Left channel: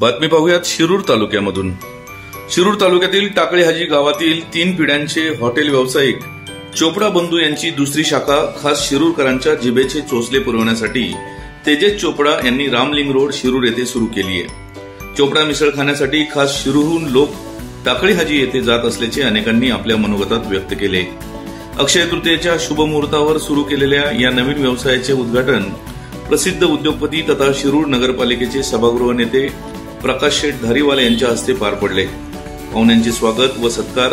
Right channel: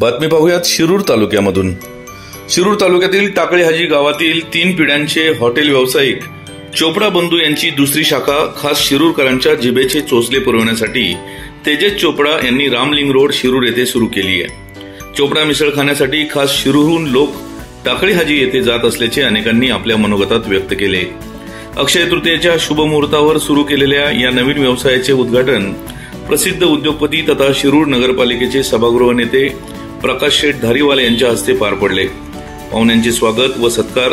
बातमी पाहूयात शिरूर तालुक्यामधून। शिरूर तालुक्यातील टाकळी हाजी गावातील 3 पिढ्यांचे हॉटेल व्यावसायिक चोपडा बंधू यांची दुसरी शाखा खास शिरूरकरांच्या जिभेचे चोचले पुरवण्यासाठी तेजस चोपडा यांनी रामलिंग रोड शिरूर येथे सुरू केली आहे। चोपडा मिसळ खाण्यासाठी खास शिरूरहून लोक टाकळी हाजी येथे जात असल्याचे अनेकांनी आपल्या मनोगतात व्यक्त केले। अक्षय तृतीयेच्या शुभ मुहूर्तावर सुरू केलेल्या या नवीन व्यवसायाचे उद्घाटन प्रसिद्ध उद्योगपती तथा शिरूर नगरपालिकेचे सभागृह नेते प्रकाश शेठ धारीवाल यांच्या हस्ते पार पडले। पाहुण्यांचे स्वागत व सत्कार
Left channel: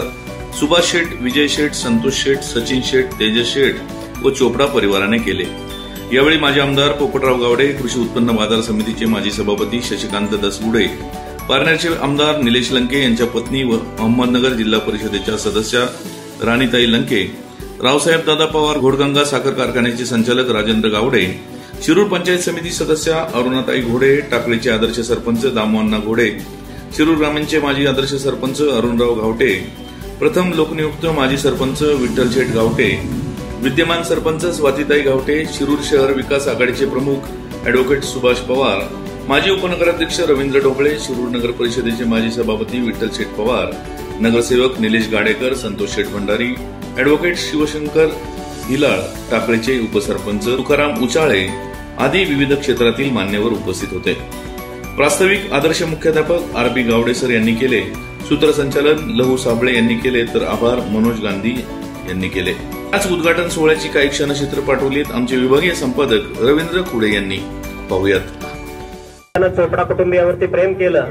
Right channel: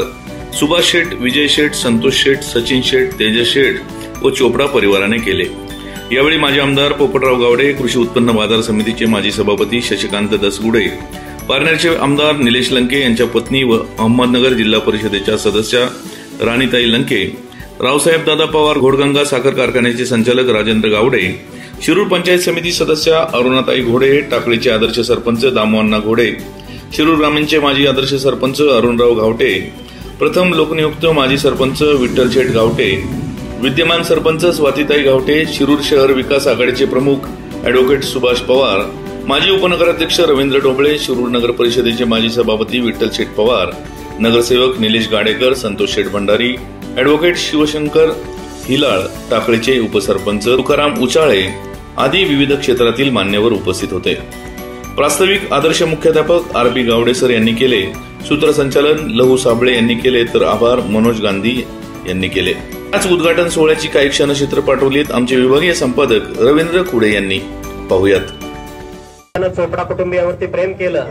सुभाष शेठ, विजय शेठ, संतोष शेठ, सचिन शेठ, तेजस शेठ व चोपडा परिवाराने केले। यावेळी माजी आमदार पोपटराव गावडे, कृषी उत्पन्न बाजार समितीचे माजी सभापती शशिकांत दसगुडे, पारनेरचे आमदार निलेश लंके यांच्या पत्नी व अहमदनगर जिल्हा परिषदेच्या सदस्या राणीताई लंके, रावसाहेब दादा पवार घोडगंगा साखर कारखान्याचे संचालक राजेंद्र गावडे, शिरूर पंचायत समिती सदस्या अरुणाताई घोडे, टाकळीचे आदर्श सरपंच दामोअण्णा घोडे, शिरूर ग्रामीणचे माजी आदर्श सरपंच अरुणराव घावटे, प्रथम लोकनियुक्त माजी सरपंच विठ्ठल शेठ घावटे, विद्यमान सरपंच स्वातीताई घावटे, शिरूर शहर विकास आघाडीचे प्रमुख अॅडव्होकेट सुभाष पवार, माजी उपनगराध्यक्ष रवींद्र ढोबळे, शिरूर नगर परिषदेचे माजी सभापती विठ्ठल शेठ पवार, नगरसेवक निलेश गाडेकर, संतोष शेठ भंडारी, अॅडव्होकेट शिवशंकर हिलाळ, टाकळीचे उपसरपंच तुकाराम उचाळे आदी विविध क्षेत्रातील मान्यवर उपस्थित होते। प्रास्ताविक आदर्श मुख्याध्यापक आर.बी. गावडे सर यांनी केले, सूत्रसंचालन लहू साबळे यांनी केले, तर आभार मनोज गांधी यांनी केले। याच उद्घाटन सोहळ्याची काही क्षणचित्र पाठवलीत आमचे विभागीय संपादक रवींद्र खुडे यांनी। पाहूयात। चोपडा कुटुंबियावरती प्रेम केलं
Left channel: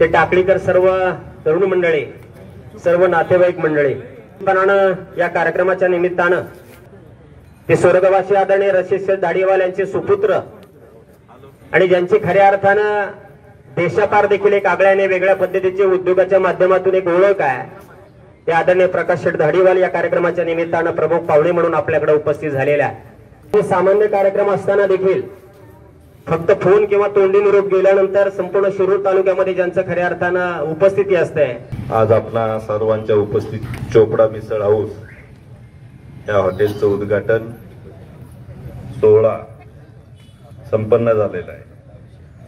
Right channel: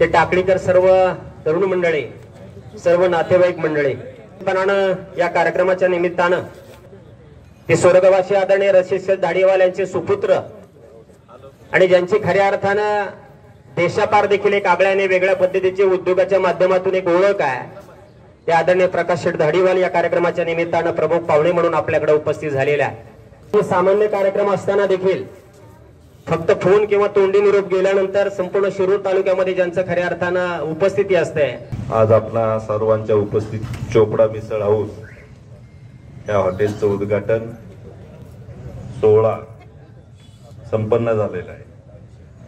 ते टाकळीकर सर्व तरुण मंडळी, सर्व नातेवाईक मंडळी या कार्यक्रमाच्या निमित्तानं ते स्वर्गवासी आदरणीय रशीद धाडीवाल यांचे सुपुत्र आणि ज्यांची खऱ्या अर्थानं देशापार देखील एक आगळ्याने वेगळ्या पद्धतीचे उद्योगाच्या माध्यमातून एक ओळख आहे, ते आदरणीय प्रकाश शेठ धाडीवाल या कार्यक्रमाच्या निमित्तानं प्रमुख पाहुणे म्हणून आपल्याकडे उपस्थित झालेले आहे। सामान्य कार्यक्रम असताना देखील फक्त फोन किंवा तोंडी निरोप गेल्यानंतर संपूर्ण शिरूर तालुक्यामध्ये ज्यांचं खऱ्या अर्थानं उपस्थिती असते, आज आपल्या सर्वांच्या उपस्थित चोपडा मिसळ हाऊस या हॉटेलचं उद्घाटन सोहळा संपन्न झालेला आहे।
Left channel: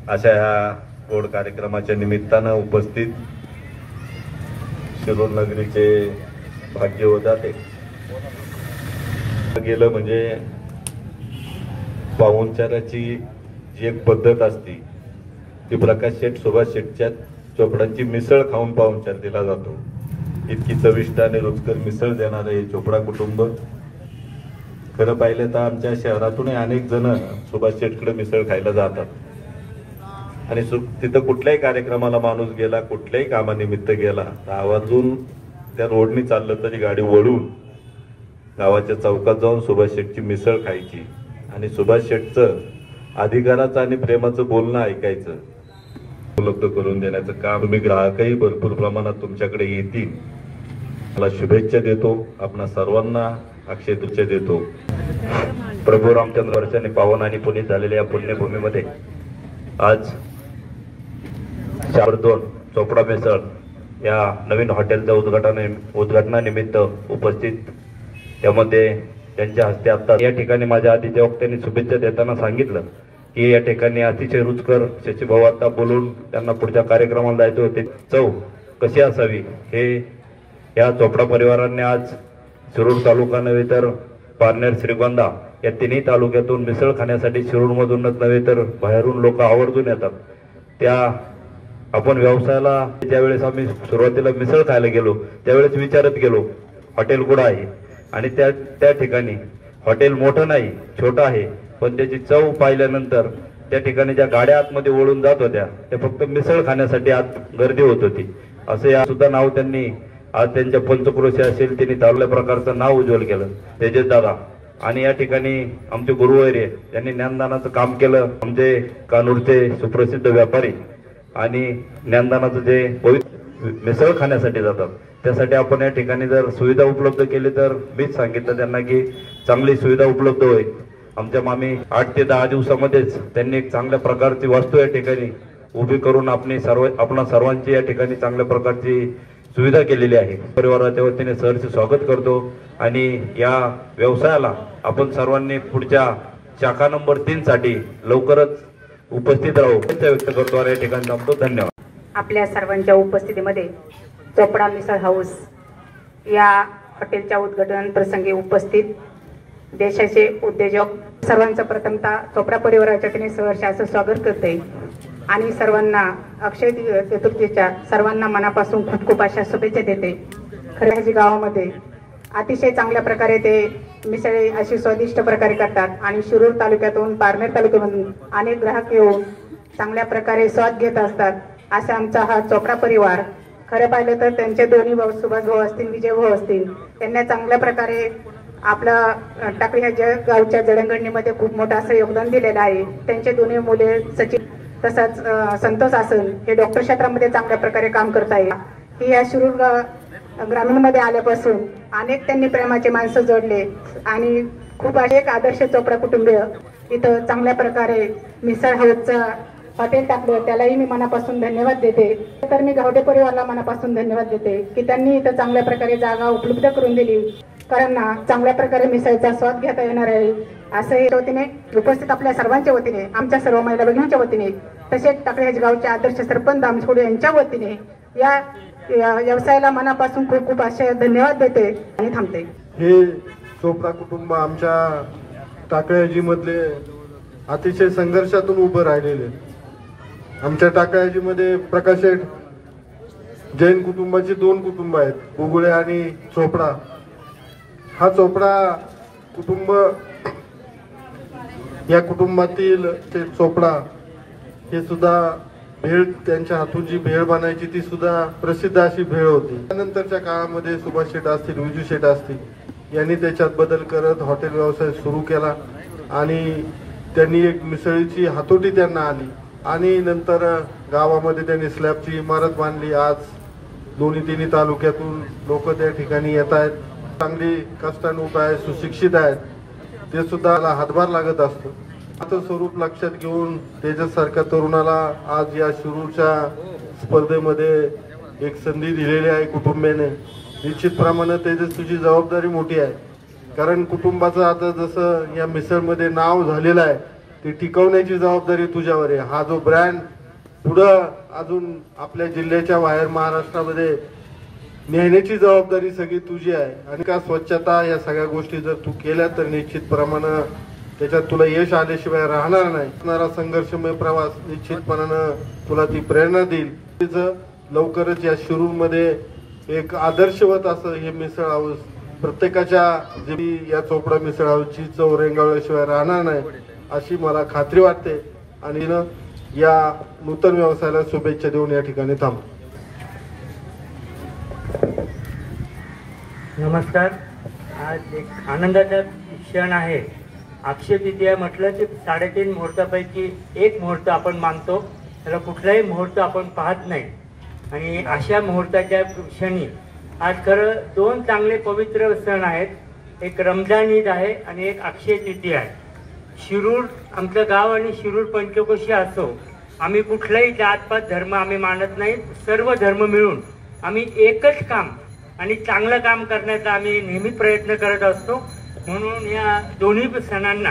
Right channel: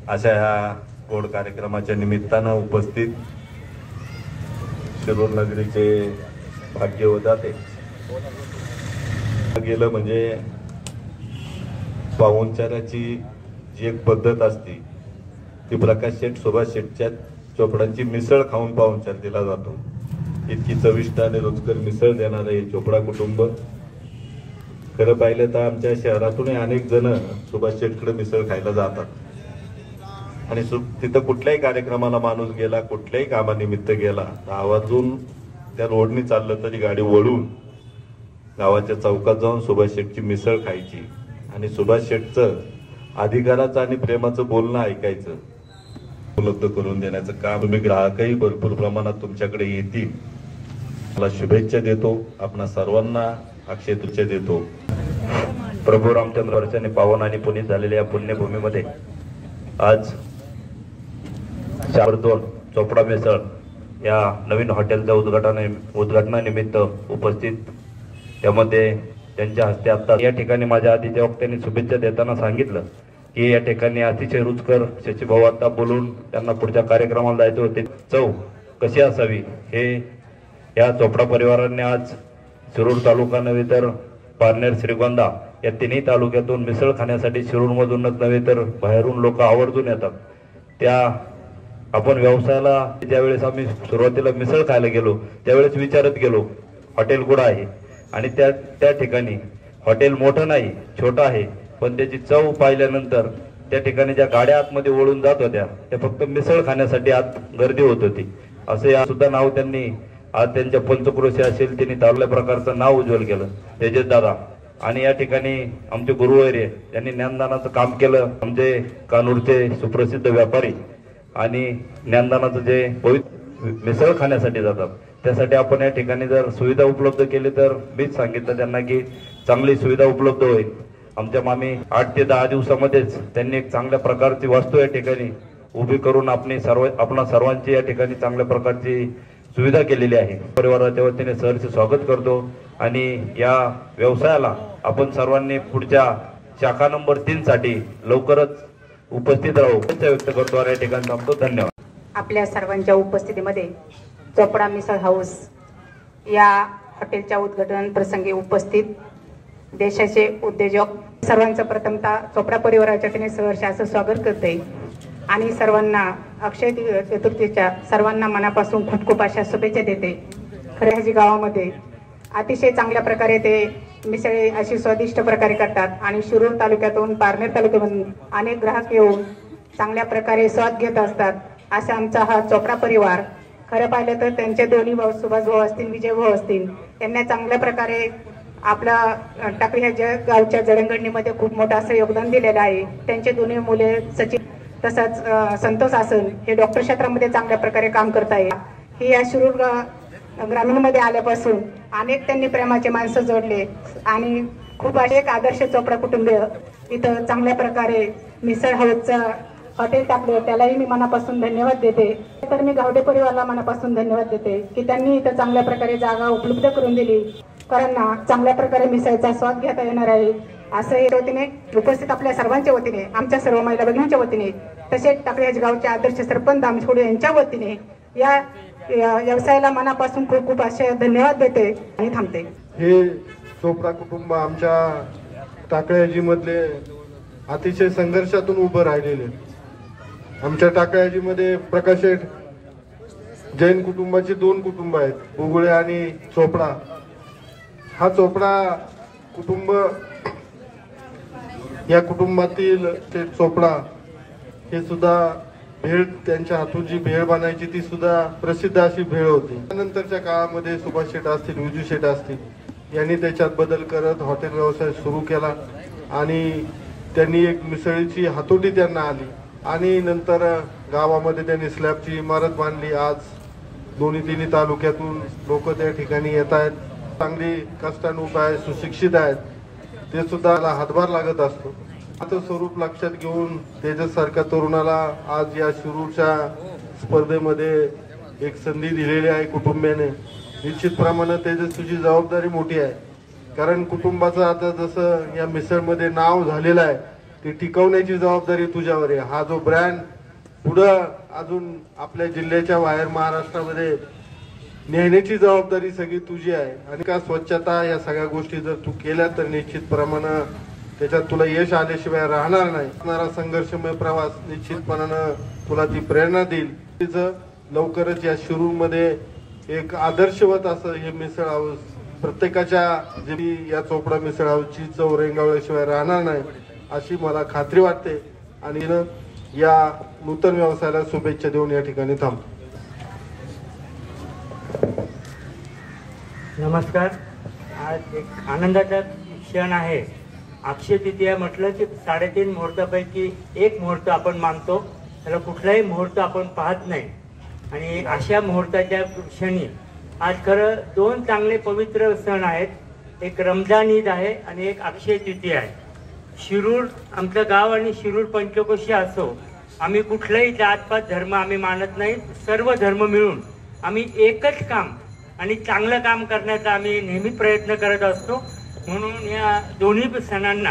अशा ह्या गोड कार्यक्रमाच्या निमित्तानं उपस्थित शिरूर नगरीचे भाग्यवंताते गेलं म्हणजे पाहुणचाराची जी एक पद्धत असती ती प्रकाश शेठ, सुभाष शेठच्या चोपडांची मिसळ खाऊन पाहुणचार दिला जातो। इतकी चविष्ट आणि रुचकर मिसळ देणारे चोपडा कुटुंब खरं पाहिलं तर आमच्या शहरातूनही अनेक जण सुभाष शेठकडे मिसळ खायला जातात आणि तिथं कुठल्याही कार्यक्रमाला माणूस गेला, कुठल्याही कामानिमित्त गेला तर आवर्जून त्या रोडनी चाललं तरी गाडी वळून गावाच्या चौकात जाऊन सुभाष शेठची मिसळ खायची आणि सुभाष शेठचं अधिकाराचं आणि प्रेमाचं बोलणं ऐकायचं, उपलब्ध करून देण्याचं काम तुम्ही ग्राहकही भरपूर प्रमाणात तुमच्याकडे येतील। मला शुभेच्छा देतो, आपणा सर्वांना अक्षय तृतीया देतो। प्रभू रामचंद्र वर्षाने पावन आणि पुनीत झालेल्या या पुण्यभूमीमध्ये आज 4-2 चोपडा मिसळ या नवीन हॉटेलच्या उद्घाटनानिमित्त उपस्थित, यामध्ये त्यांच्या हस्ते आता या ठिकाणी माझ्या आधीच्या वक्त्यांनी शुभेच्छा देताना सांगितलं की या ठिकाणी अतिशय रुचकर शशीभाऊ आता बोलून त्यांना पुढच्या कार्यक्रमाला जायचं होते, चव कशी असावी हे या चोपडा परिवाराने आज शिरूर तालुका नव्हे तर पारनेर, श्रीगोंदा या तिन्ही तालुक्यातून मिसळ खाण्यासाठी शिरूरमधूनच नव्हे तर बाहेरून लोक आवर्जून येतात। त्या आपण व्यवसायाला ज्यावेळेस आम्ही सुरुवातीला मिसळ खायला गेलो त्यावेळेस विचारत गेलो हॉटेल कुठं आहे आणि त्या ठिकाणी हॉटेल मोठं नाही, छोटं आहे, पण त्याची चव पाहिल्यानंतर त्या ठिकाणी ज्या गाड्या आतमध्ये वळून जात होत्या त्या फक्त मिसळ खाण्यासाठी आत गर्दी होत होती। असे सुद्धा नाव त्यांनी आज त्यांच्या पंचक्रोशी असेल त्यांनी चांगल्या प्रकारचं नाव उज्ज्वल केलं, तेजस दादा। आणि या ठिकाणी आमचे गुरुवर्य त्यांनी ज्ञानदानाचं काम केलं, आमचे कानूरचे सुप्रसिद्ध व्यापारी आणि ज्ञानदानाचं जे मिसळ खाण्यासाठी जातात त्यासाठी आपण या ठिकाणी जर सुविधा उपलब्ध केली तर मीच सांगितलं त्यांना की चांगली सुविधा उपलब्ध होईल। आमच्या मामी 8 ते 10 दिवसामध्येच त्यांनी एक चांगल्या प्रकारची वास्तू या ठिकाणी उभी करून आपणा सर्वांची या ठिकाणी चांगल्या प्रकारची सुविधा केलेली आहे। परिवाराच्या वतीने सहर्ष स्वागत करतो आणि या व्यवसायाला आपण सर्वांनी पुढच्या शाखा नंबर 3 साठी लवकरच उपस्थित राहू व्यक्त करतो आणि या ठिकाणी थांबतो. धन्यवाद. आपल्या सर्वांच्या उपस्थितीमध्ये चोपडा मिसळ हाऊस या हॉटेलच्या उद्घाटन प्रसंगी उपस्थित देशाचे उद्योजक सर्वांचं प्रथमतः चोपडा परिवाराच्या वतीने सहर्ष असं स्वागत करते आणि सर्वांना अक्षय चतुर्थीच्या सर्वांना मनापासून खूप खूप अशा शुभेच्छा देते. खऱ्याजी गावामध्ये अतिशय चांगल्या प्रकारे ते मिसळे अशी स्वादिष्ट प्रकारे करतात आणि शिरूर तालुक्यातून पारनेर तालुक्यातून अनेक ग्राहक येऊन चांगल्या प्रकारे स्वाद घेत असतात. असा आमचा हा चोपडा परिवार. खरं पाहिलं तर त्यांचे दोन्ही भाऊ सुभाष भाऊ असतील, विजय भाऊ असतील, त्यांना चांगल्या प्रकारे आपला टाकळी ह्या गावच्या जडणघडणीमध्ये खूप मोठं असं योगदान दिलेलं आहे. त्यांचे दोन्ही मुले सचिन तसंच संतोष आसन हे डॉक्टर क्षेत्रामध्ये चांगल्या प्रकारे काम करत आहे. हे या शिरूर ग्रामीणमध्ये आल्यापासून अनेक त्यांनी प्रेमाचे माणसं जोडले आणि खूप असे एक आदर्श चोपडा कुटुंबीय इथं चांगल्या प्रकारे मिसळ हाऊसचं हॉटेल टाकलं. त्यालाही मी मनापासून धन्यवाद देते. तर मी गावडे परिवाराला मनापासून धन्यवाद देते की त्यांनी इथं चांगल्या प्रकारे जागा उपलब्ध करून दिली. कारण चांगल्या प्रकारे मिसळचा स्वाद घेता येणार आहे असं या वतीने उपस्थित आपल्या सर्वांच्या वतीने, आमच्या सर्व महिला भगिनींच्या वतीने, तसेच टाकळी गावचे आदर्श सरपंच दामछोडे यांच्या वतीने या व्यवसायाला मनापासून खूप खूप असे धन्यवाद देते आणि थांबते. हे चोपडा कुटुंब आमच्या टाकळी मधले अतिशय संघर्षातून उभं राहिलेले. आमच्या टाकळी मध्ये प्रकाश जैन कुटुंबाची 2 कुटुंब आहेत, उगुळे आणि चोपडा. हा चोपडा कुटुंब, या कुटुंबातील ते चोपडा हे सुद्धा भेळ, त्यांच्या हातून जी भेळ बनायची ती सुद्धा प्रसिद्ध अशी भेळ होती. त्यानंतरच्या काळामध्ये सुभाष शेठ असतील, विजू शेठ असतील यांनी त्याच्यात बदल करत हॉटेल व्यवसाय सुरू केला आणि त्यांनी एक मिसळीची हातोटी त्यांना आली आणि नंतर गावामध्ये त्यांनी स्लॅबची इमारत बांधली. आज दोन्ही तिन्ही तालुक्यातून लोक त्या ठिकाणी येत आहेत. चांगली कष्टानुक आहेत, सुशिक्षित आहेत. ते सुद्धा हातभार लागत असतो. आता स्वरूप लक्षात घेऊन तेजससारख्या तरुणाला आज या शिरूरच्या स्पर्धेमध्ये एक संधी दिलेली आहे कुटुंबाने. निश्चितप्रमाणे तेजस तुझी जबाबदारी मोठी आहे. कारण कुटुंबाचं आता जसं या मिसळमध्ये नाव झालेलं आहे ते टिकवण्याची जबाबदारी तुझ्यावर आहे. हा जो ब्रँड पुढं अजून आपल्या जिल्ह्याच्या बाहेर महाराष्ट्रामध्ये नेण्याची जबाबदारी सगळी तुझी आहे. आणि का स्वच्छता या सगळ्या गोष्टी जर तू केल्या तर निश्चितप्रमाणे त्याच्यात तुला यश आल्याशिवाय राहणार नाही. संघर्षमय प्रवास निश्चितपणानं तुला ती प्रेरणा देईल. लवकरच या शिरूरमध्ये एक आदर्शवत असं हे मिसळ हाऊस प्रत्येकाच्या या चोपडा मिसळ हाऊसची चव रेंगाळल्याशिवाय राहणार नाही अशी मला खात्री वाटते. आणि या नूतन व्यवसायाला शुभेच्छा देऊन या ठिकाणी थांबतो. नमस्कार. आज एक आनंदाचा क्षण आहे. अक्षय तृतीया म्हटलं की 3.5 मुहूर्तापैकी एक मुहूर्त आपण मानतो, तर कुठलाही मुहूर्त आपण पाहत नाही. आणि अशा मुहूर्ताच्या क्षणी आज खरं 2 चांगले पवित्र सण आहेत. एक रमजान ईद आहे आणि एक अक्षय तृतीया आहे. शिरूर आमचं गाव आणि शिरूर पंचकोशी असो, आम्ही कुठलाही जातपात धर्म आम्ही मानत नाही. सर्व धर्म मिळून आम्ही एकच काम आणि चांगलं काम करण्याचा आम्ही नेहमी प्रयत्न करत असतो. म्हणून या दोन्ही सणांना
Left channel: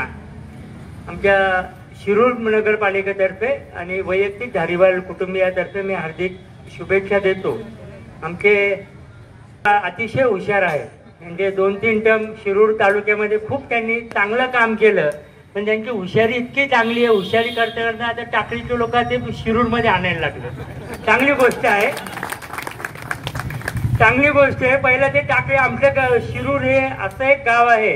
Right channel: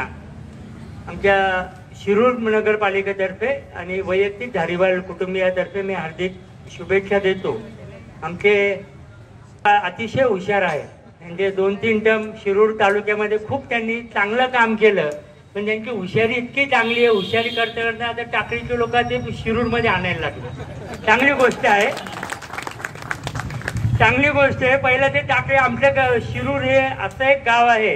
आमच्या शिरूर नगरपालिकेतर्फे आणि वैयक्तिक धारीवाल कुटुंबियातर्फे मी हार्दिक शुभेच्छा देतो. आमचे अतिशय हुशार आहे. म्हणजे 2-3 टर्म शिरूर तालुक्यामध्ये खूप त्यांनी चांगलं काम केलं, पण त्यांची हुशारी इतकी चांगली आहे. हुशारी करता करता आता टाकळीचे लोक ते शिरूरमध्ये आणायला लागले. चांगली गोष्ट आहे, चांगली गोष्ट आहे. पहिला ते टाकळी, आमचं शिरूर हे असं एक गाव आहे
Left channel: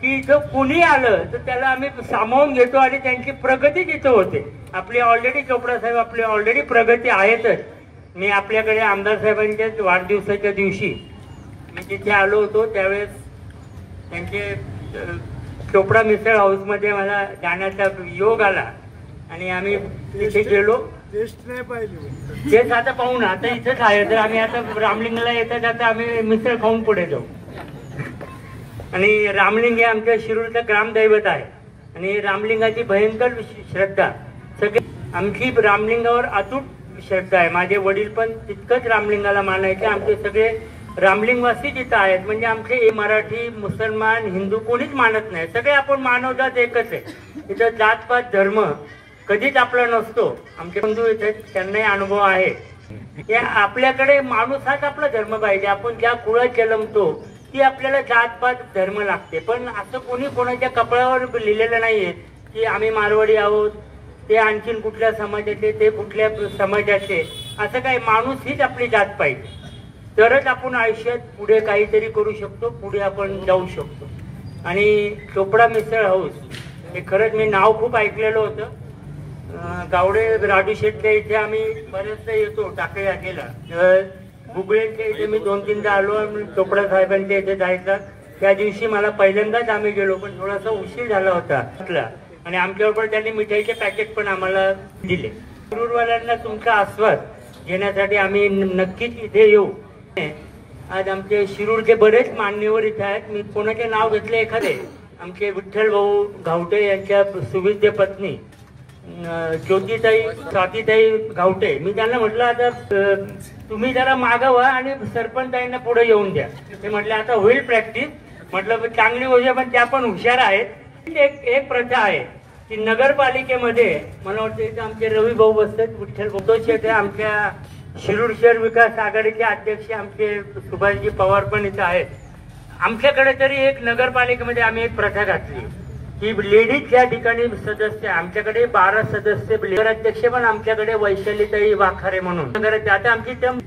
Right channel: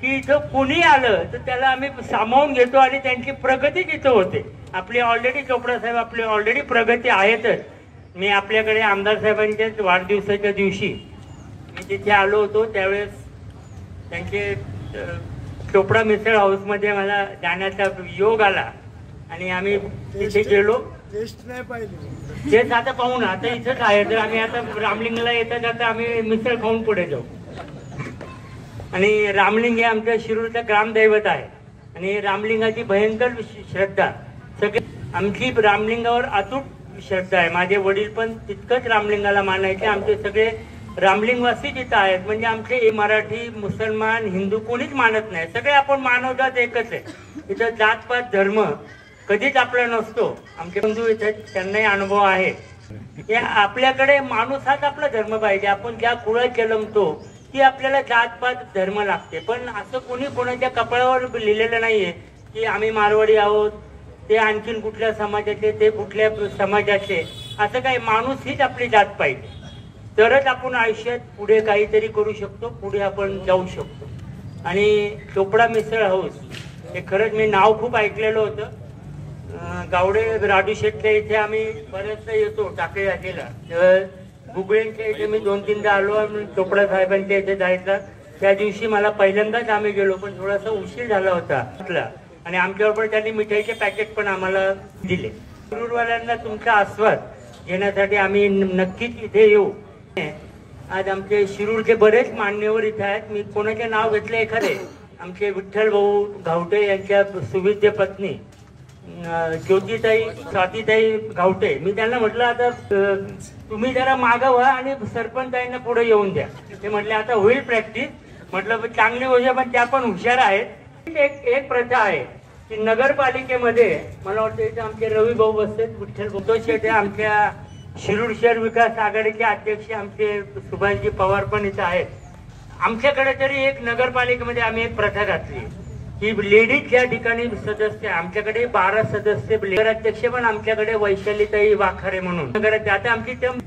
की इथं कुणी आलं तर त्याला आम्ही सामावून घेतो आणि त्यांची प्रगती तिथं होते. आपली ऑलरेडी चोपडा साहेब आपली ऑलरेडी प्रगती आहेतच. मी आपल्याकडे आमदार साहेबांच्या वाढदिवसाच्या दिवशी मी तिथे आलो होतो. त्यावेळेस त्यांचे चोपडा मिसळ हाऊसमध्ये मला जाण्याचा योग आला आणि आम्ही तिथे गेलो. तेच आता पाहू ना, आता इथेच आहे. तर आम्ही आता रामलिंगला येता जाता आम्ही मिसळ खाऊन पुढे जाऊ. आणि रामलिंग हे आमच्या शिरूरचं ग्रामदैवत आहे आणि रामलिंगाची भयंकर श्रद्धा. सगळे आमची रामलिंगावर अतूट श्रद्धा आहे. माझे वडील पण तितकंच रामलिंगाला मानायचे. आमचे सगळे रामलिंगवासी जिथं आहेत. म्हणजे आमचे मराठी, मुसलमान, हिंदू कोणीच मानत नाही. सगळे आपण मानवजात एकच आहे. इथं जातपात धर्म कधीच आपला नसतो. आमचे बंधू इथे त्यांनाही अनुभव आहे. या आपल्याकडे माणूस हाच आपला धर्म पाहिजे. आपण ज्या कुळात जन्मतो ती आपल्याला जातपात धर्म लागते. पण असं कोणी कोणाच्या कपाळावर लिहिलेलं नाहीये की आम्ही मारवाडी आहोत, ते आणखीन कुठल्या समाजाचे, ते कुठल्या समाजाचे. असं काय, माणूस हीच आपली जात पाहिजे. तरच आपण आयुष्यात पुढे काहीतरी करू शकतो, पुढे आपण जाऊ शकतो. आणि चोपडा मिसळ हाऊस हे खरंच मी नाव खूप ऐकलेलं होतं. गावडे राजू शेटच्या इथे आम्ही बरेचदा येतो टाकळी राजेला. गुगळेच्या इथे मी 2-3दा आलो. चोपडा साहेबांच्या इथे जायचा त्या दिवशी मला पहिल्यांदाच आम्ही गेलो, पण थोडासा उशीर झाला होता. आणि आमच्याबरोबर त्यांनी मिठाईचे पॅकेट पण आम्हाला दिले. शिरूरवाल्यांना तुमचा आस्वाद घेण्यासाठी आम्ही नक्कीच इथे येऊ. आज आमचे शिरूरचे बरेच मान्यवर इथे आहेत. मी कोणाचे नाव घेतले एखादे, आमचे विठ्ठल भाऊ घावटे यांच्या सुविद्य पत्नी ज्योतिताई स्वातीताई घावटे. मी त्यांना म्हटलं आता तुम्ही जरा मागवा आणि सरपंचांना पुढे येऊन द्या. ते म्हटले आता होईल प्रॅक्टिस. म्हटलं चांगली गोष्ट, पण त्या पण हुशार आहेत. एक प्रथा आहे की नगरपालिकेमध्ये मला वाटतं इथे आमचे रवी भाऊ बसतात, विठ्ठल भाऊ शेटे, आमच्या शिरूर शहर विकास आघाडीचे अध्यक्ष आमचे सुभाषजी पवार पण इथे आहेत. आमच्याकडे तरी एक नगरपालिकेमध्ये आम्ही एक प्रथा घातली की लेडीज ज्या ठिकाणी सदस्य, आमच्याकडे 12 सदस्य नगराध्यक्ष पण आमच्याकडे वैशालीताई वाखारे म्हणून नगराध्यक्ष. आता आमची टर्म,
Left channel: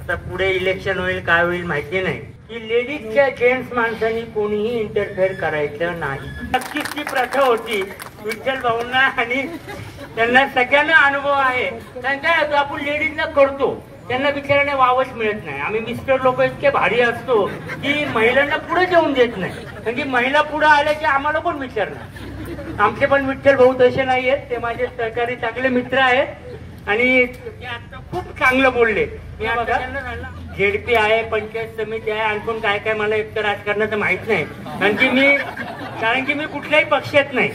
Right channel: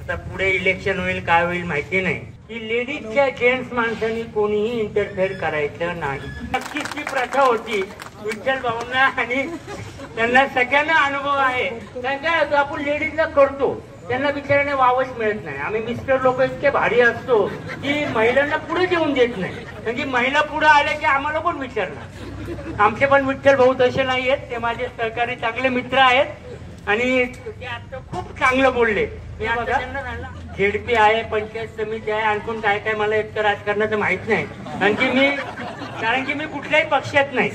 आता पुढे इलेक्शन होईल काय होईल माहिती नाही, की लेडीजच्या जेंट्स माणसांनी कोणीही इंटरफेअर करायचं नाही. नक्कीच ती प्रथा होती. विठ्ठल भाऊंना आणि त्यांना सगळ्यांना अनुभव आहे. काय आपण लेडीजला करतो, त्यांना बिचाराने वावच मिळत नाही. आम्ही मिस्टर लोक इतके भारी असतो की महिलांना पुढे येऊन देत नाही. कारण की महिला पुढे आल्या की आम्हाला कोण विचारणार. आमचे पण विठ्ठल भाऊ तसे नाही आहेत. ते माझे सहकारी चांगले मित्र आहेत आणि ते आता खूप चांगलं बोलले. मी बघा झेडपी आहे, पंचायत समिती आहे, आणखून काय काय मला एक तर राजकारणाचं माहित नाही. कारण की मी कुठल्याही पक्षात नाही.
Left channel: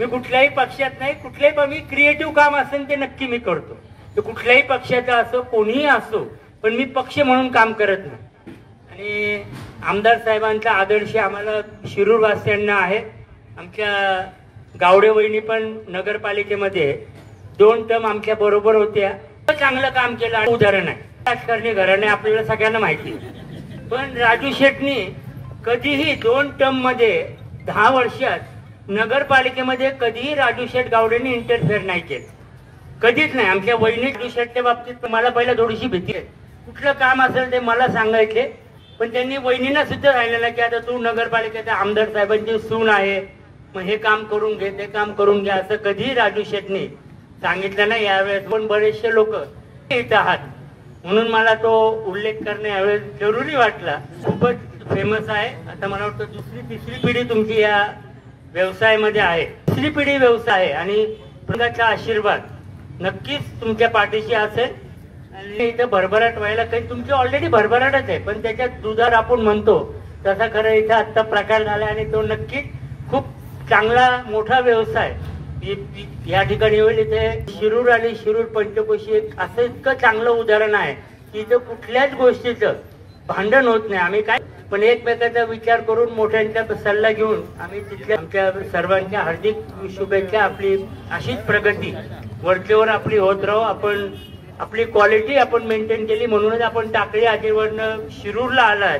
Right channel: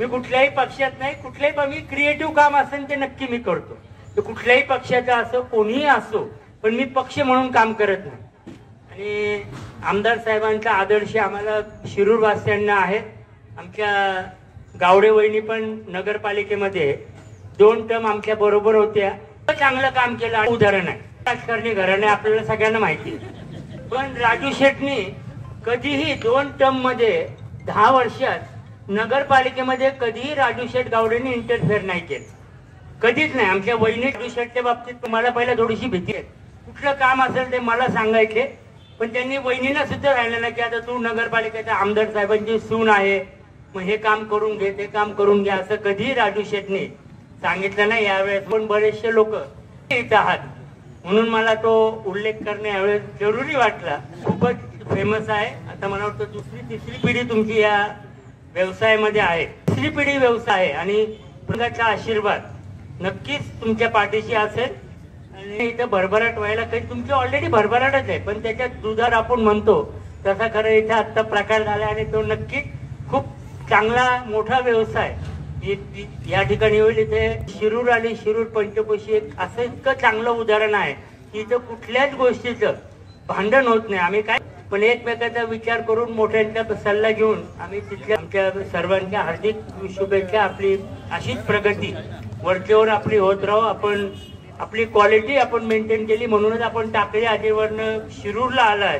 कुठल्याही मी क्रिएटिव्ह काम असेल ते नक्की मी करतो. ते कुठल्याही पक्षाचं असो, कोणीही असो, पण मी पक्ष म्हणून काम करत नाही. आणि आमदार साहेबांचा आदर्श आम्हाला शिरूरवासियांना आहे. आमच्या गावडे वहिनी पण नगरपालिकेमध्ये 2 टर्म आमच्या बरोबर होत्या. चांगलं काम केलं. उदाहरण आहे राजकारणी घराणे, आपल्याला सगळ्यांना माहिती. पण राजू शेटनी कधीही 2 टर्म मध्ये 10 वर्षात नगरपालिकेमध्ये कधीही राजू शेट गावडेंनी इंटरफेअर नाही केलं. कधीच नाही. आमच्या वहिनी राजू शेटच्या बाबतीत मला पहिला थोडीशी भीती आहे. कुठलं काम असेल ते मला सांगायचे, पण त्यांनी वहिनींना सुद्धा राहिलेला की आता तू नगरपालिकेचा आमदार साहेबांची सून आहे, मग हे काम करून घे, ते काम करून घे, असं कधीही राजू शेटनी सांगितलं नाही. यावेळेस पण बरेचसे लोक इथं आहात म्हणून मला तो उल्लेख करणे यावेळेस जरुरी वाटला. खूपच फेमस आहे. आता मला वाटतं 2री-3री पिढी तुमची या व्यवसायामध्ये आहे. 3री पिढी व्यवसाय आहे आणि प्रजाचा आशीर्वाद नक्कीच तुमच्या पाठीशी असेल. आणि इथं भरभराट व्हायला काही तुमची ऑलरेडी भरभराटच आहे, पण त्याच्यात दुधार आपण म्हणतो तसा खरं इथं आता प्रकार झाला आणि तो नक्की खूप चांगला मोठा व्यवसाय या ठिकाणी होईल. इथे शिरूर आणि शिरूर पंचकोशी एक असं इतकं चांगलं उदाहरण आहे की इथं कुठल्याच गोष्टीचं भांडण होत नाही. आम्ही काय पण एकमेकाचा विचार करून मोठ्यांचा सल्ला घेऊन आम्ही तिथल्या आमच्या सर्वांच्या हार्दिक शुभेच्छा. आपली अशीच प्रगती वरचेवर आपली होत राहू. आपण आपली क्वालिटी आपण मेंटेन केली म्हणूनच आपण टाकळी आजीवरनं शिरूरला आलात.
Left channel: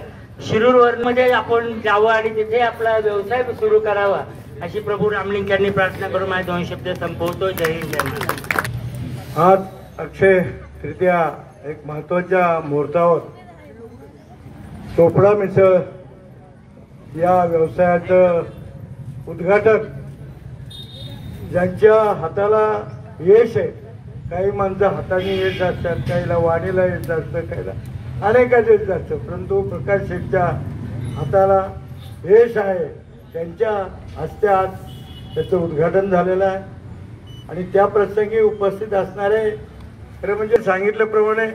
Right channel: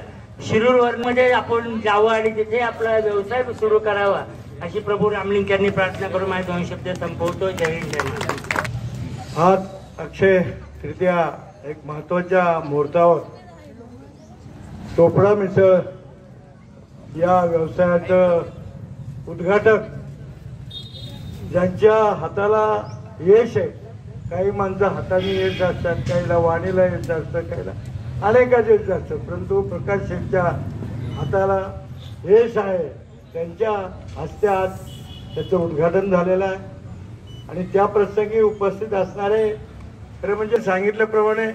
शिरूरवरमध्ये आपण जावं आणि तिथे आपला व्यवसाय सुरू करावा अशी प्रभू रामलिंग यांनी प्रार्थना करून माझे 2 शब्द संपवतो. जय हिंद, जय महाराष्ट्र. आज अक्षय तृतीया एक महत्वाच्या मुहूर्तावर चोपडा मिसळ या व्यवसायाचं उद्घाटक ज्यांच्या हाताला यश आहे. काही माणसं हाताने यश असतात, काहीला वाणीला यश असतं, काहीला अनेकाच यश असतं, परंतु प्रकाश शेठच्या हाताला यश आहे. त्यांच्या हस्ते आज त्याचं उद्घाटन झालेलं आहे आणि त्या प्रसंगी उपस्थित असणारे खरं म्हणजे सांगितल्याप्रमाणे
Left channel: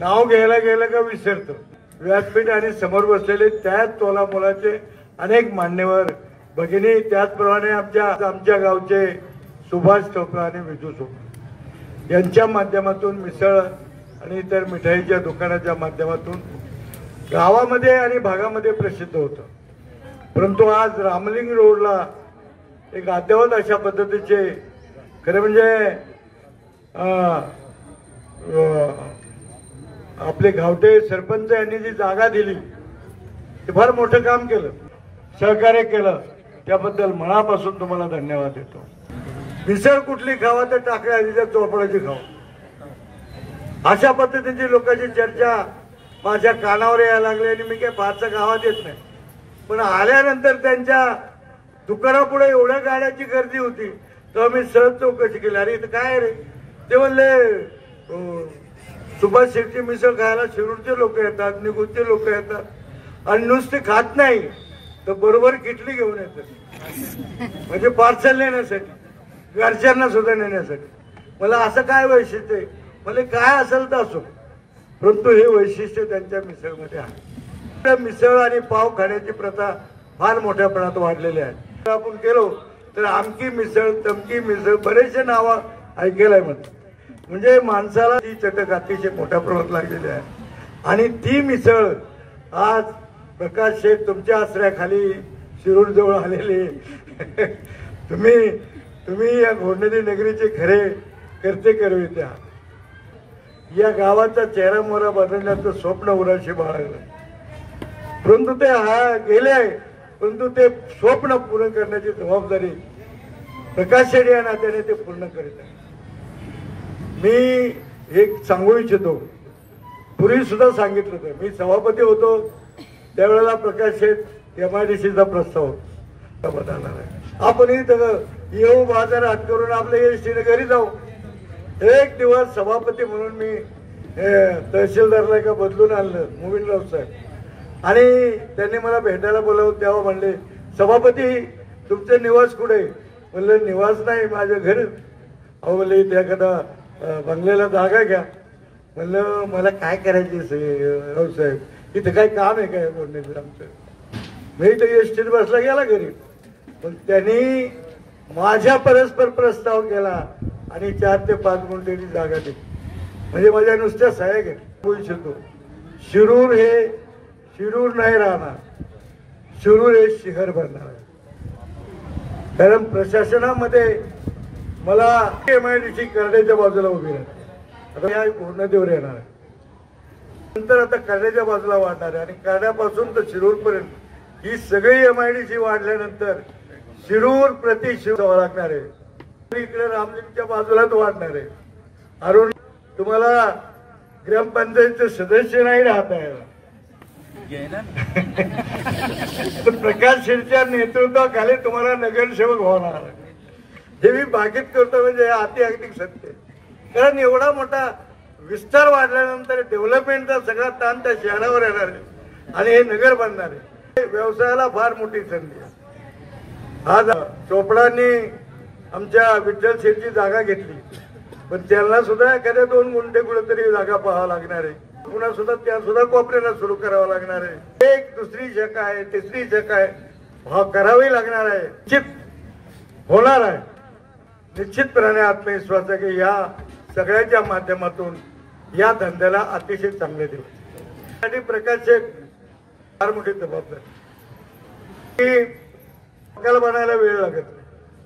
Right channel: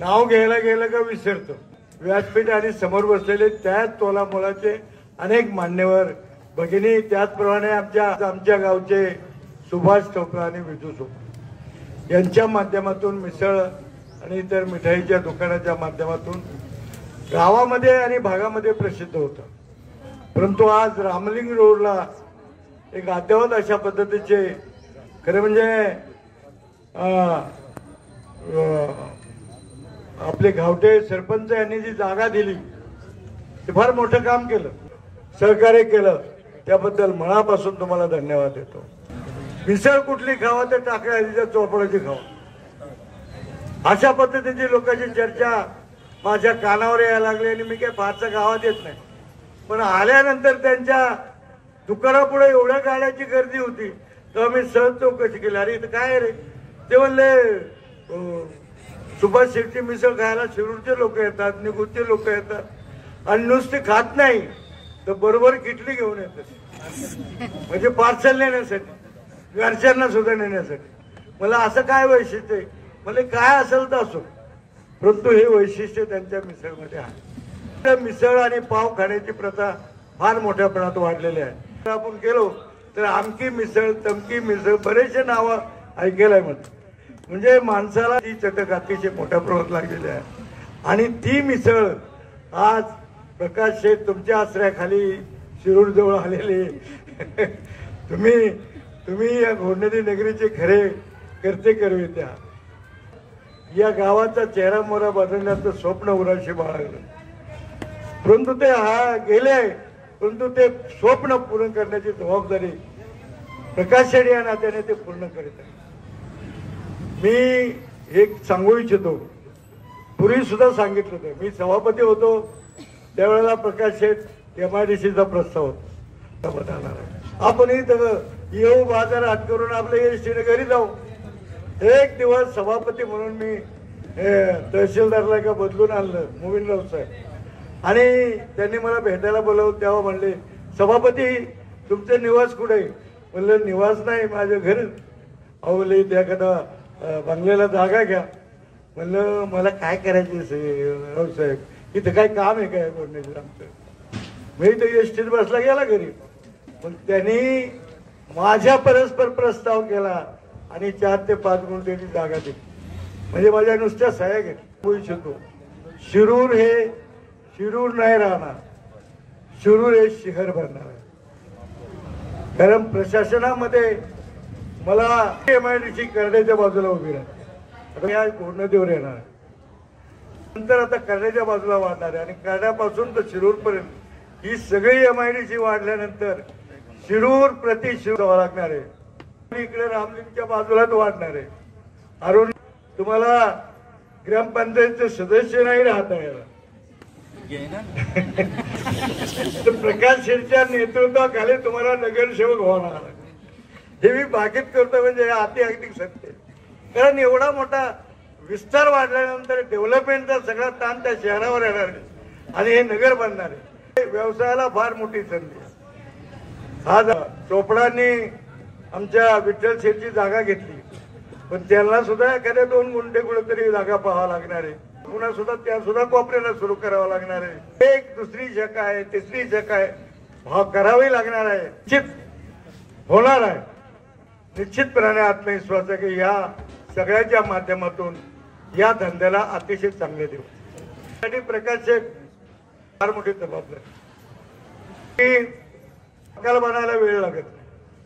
नाव घ्यायला गेलं का विसरतो. व्यासपीठ आणि समोर बसलेले त्याच तोला मोलाचे अनेक मान्यवर भगिनी, त्याचप्रमाणे आमच्या गावचे सुभाष चोपडा आणि विजू चोपडा यांच्या माध्यमातून मिसळ आणि इतर मिठाईच्या दुकानाच्या माध्यमातून गावामध्ये आणि भागामध्ये प्रसिद्ध होतं. परंतु आज रामलिंग रोडला एक अद्ययावत अशा पद्धतीचे खरं म्हणजे आपले गावटे सरपंच यांनी जी जागा दिली ते फार मोठं काम केलं, सहकार्य केलं, त्याबद्दल मनापासून तुम्हाला धन्यवाद देतो. मिसळ कुठली खावा तर टाकळी हळदीच्या चोपडाची खावा, अशा पद्धतीची लोकांची चर्चा माझ्या कानावर यायला लागली आणि मी काही फारसं गावात येत नाही. पण आल्यानंतर त्यांच्या दुकानापुढे एवढ्या गाड्याची गर्दी होती तेव्हा मी सहज चौकशी केली, अरे इथं काय रे? ते म्हणले सुभाष शेट्टी मिसळ खायला शिरूरचे लोक येतात, निगुजचे लोक येतात आणि नुसते खात नाही तर बरोबर किटली घेऊन येतात, म्हणजे पार्सल नेण्यासाठी, घरच्यांना सुद्धा नेण्यासाठी. मला असं काय वैशिष्ट्य आहे? मला काय असेल तर असो, परंतु हे वैशिष्ट्य त्यांच्या मिसळमध्ये आहे. मिसळ आणि पाव खाण्याची प्रथा फार मोठ्या प्रमाणात वाढलेली आहे. आपण गेलो तर आमकी मिसळ, तमकी मिसळ, बरेचसे नावं ऐकायला म्हणतात. म्हणजे माणसाला ती चटक अतिशय मोठ्या प्रमाणात लागलेली आहे. आणि ती मिसळ आज प्रकाश शेठ तुमच्या आश्रयाखाली शिरूर जवळ आलेले तुम्ही या घोडनदी नगरीचे खरे करते करविते आहात. या गावाचा चेहरा मोहरा बदलण्याचं स्वप्न उराशी बाळगलं, परंतु ते गेले, परंतु ते स्वप्न पूर्ण करण्याची जबाबदारी प्रकाश शेठ या नात्याने ते पूर्ण करीत आहे. मी एक सांगू इच्छितो, पूर्वी सुद्धा सांगितलं होतं, मी सभापती होतो त्यावेळेला प्रकाश शेठ MIDCचा प्रस्ताव आपण इथं येऊ बाजार हात करून आपल्या एसटीने घरी जाऊ. एक दिवस सभापती म्हणून मी तहसीलदारला का बदलून आणलं मोविनराव साहेब, आणि त्यांनी मला भेटायला बोलावलं. तेव्हा म्हणले, सभापती तुमचं निवास कुठे? म्हणलं निवास नाही, माझं घर. अहो म्हणलं इथे एखादा बंगल्याला जागा घ्या. म्हणलं मला काय करायचं राव साहेब, इथं काय काम आहे काय बोलण्याचं आमचं? मी इथं एसटीत बसला गेला घरी. पण त्यांनी माझ्या परस्पर प्रस्ताव केला आणि 4 ते 5 गुंठेची जागा दिली. म्हणजे माझ्या नुसत्या सहाय्यक होऊ शकतो. शिरूर नाही राहणार, शिरूर हे शहर बनणार. कारण प्रशासनामध्ये मला MIDC करण्याच्या बाजूला उभी राहते. आता या घोडनदीवर येणार आहे, नंतर आता करण्याच्या बाजूला वाढणार आहे, आणि करण्यापासून तर शिरूरपर्यंत ही सगळी MIDC वाढल्यानंतर शिरूर प्रति शिरूर लागणार आहे. इकडे रामलिंगच्या बाजूलाच वाढणार आहे. अरुण तुम्हाला ग्रामपंचायतचे सदस्य नाही राहत आहे, तर प्रकाश शेठच्या नेतृत्वाखाली तुम्हाला नगरसेवक होणार. हे मी भाकीत करतो, म्हणजे अति अगदी सत्य. कारण एवढा मोठा विस्तार वाढल्यानंतर डेव्हलपमेंटचा सगळा ताण त्या शहरावर येणार आहे आणि हे नगर बनणार आहे. व्यवसायाला फार मोठी संधी आहे. आज चोपडांनी आमच्या विठ्ठल शेठची जागा घेतली, पण त्यांना सुद्धा एखाद्या 2 गुंठे कुठेतरी जागा पाहावं लागणार आहे. पुन्हा सुद्धा त्या सुद्धा कोपऱ्याला सुरू करावं लागणार आहे. एक दुसरी शाखा आहे, तिसरी शाखा आहे, करावी लागणार आहे. निश्चित होणार आहे. निश्चितपणे आत्मविश्वास आहे की या सगळ्याच्या माध्यमातून या धंद्याला अतिशय चांगले देऊ. प्रकाश शेठ फार मोठी जबाबदारी. बनायला वेळ लागत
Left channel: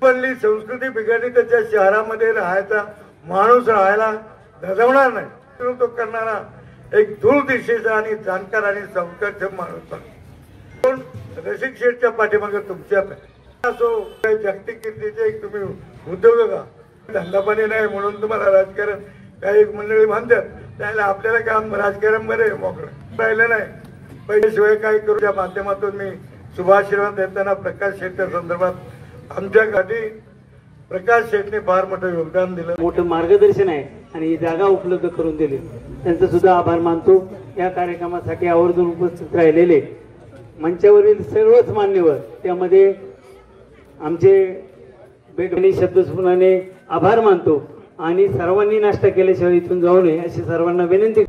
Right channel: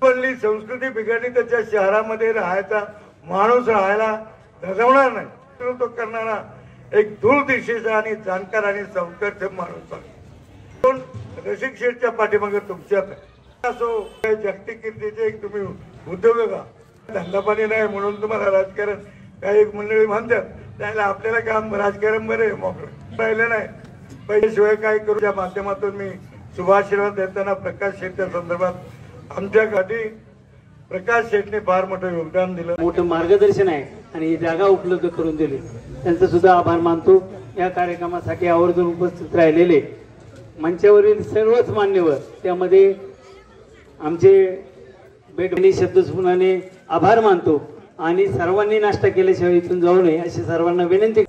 बनली, संस्कृती बिघडली, त्याच्या शहरामध्ये राहायचा माणूस राहायला धजवणार नाही. तो करणारा एक दूरदिशेचा आणि जाणकार आणि संस्कारक्षम माणूस. रसिक शेठच्या पाठीमागे तुमच्यात असो जागतिक कीर्तीचे एक तुम्ही उद्योग का धंदा पाणी नाही म्हणून तुम्हाला राजकारण काही मंडळी म्हणतात, त्याला आपल्याला काम राजकारण बरे मोकळं राहिलं नाही. पैशाशिवाय काय करू. त्या माध्यमातून मी शुभाशीर्वाद देताना प्रकाश शेठच्या संदर्भात आमच्यासाठी प्रकाश शेठने फार मोठं योगदान दिलं, मोठं मार्गदर्शन आहे आणि ही जागा उपलब्ध करून दिली. त्यांचा सुद्धा आभार मानतो. या कार्यक्रमासाठी आवर्जून उपस्थित राहिलेले मंचावरील सर्वच मान्यवर, त्यामध्ये आमचे बेगणी शब्दस्फुरणाने आभार मानतो. आणि सर्वांनी नाश्ता केल्याशिवाय इथून जाऊ नये अशी सर्वांना विनंती.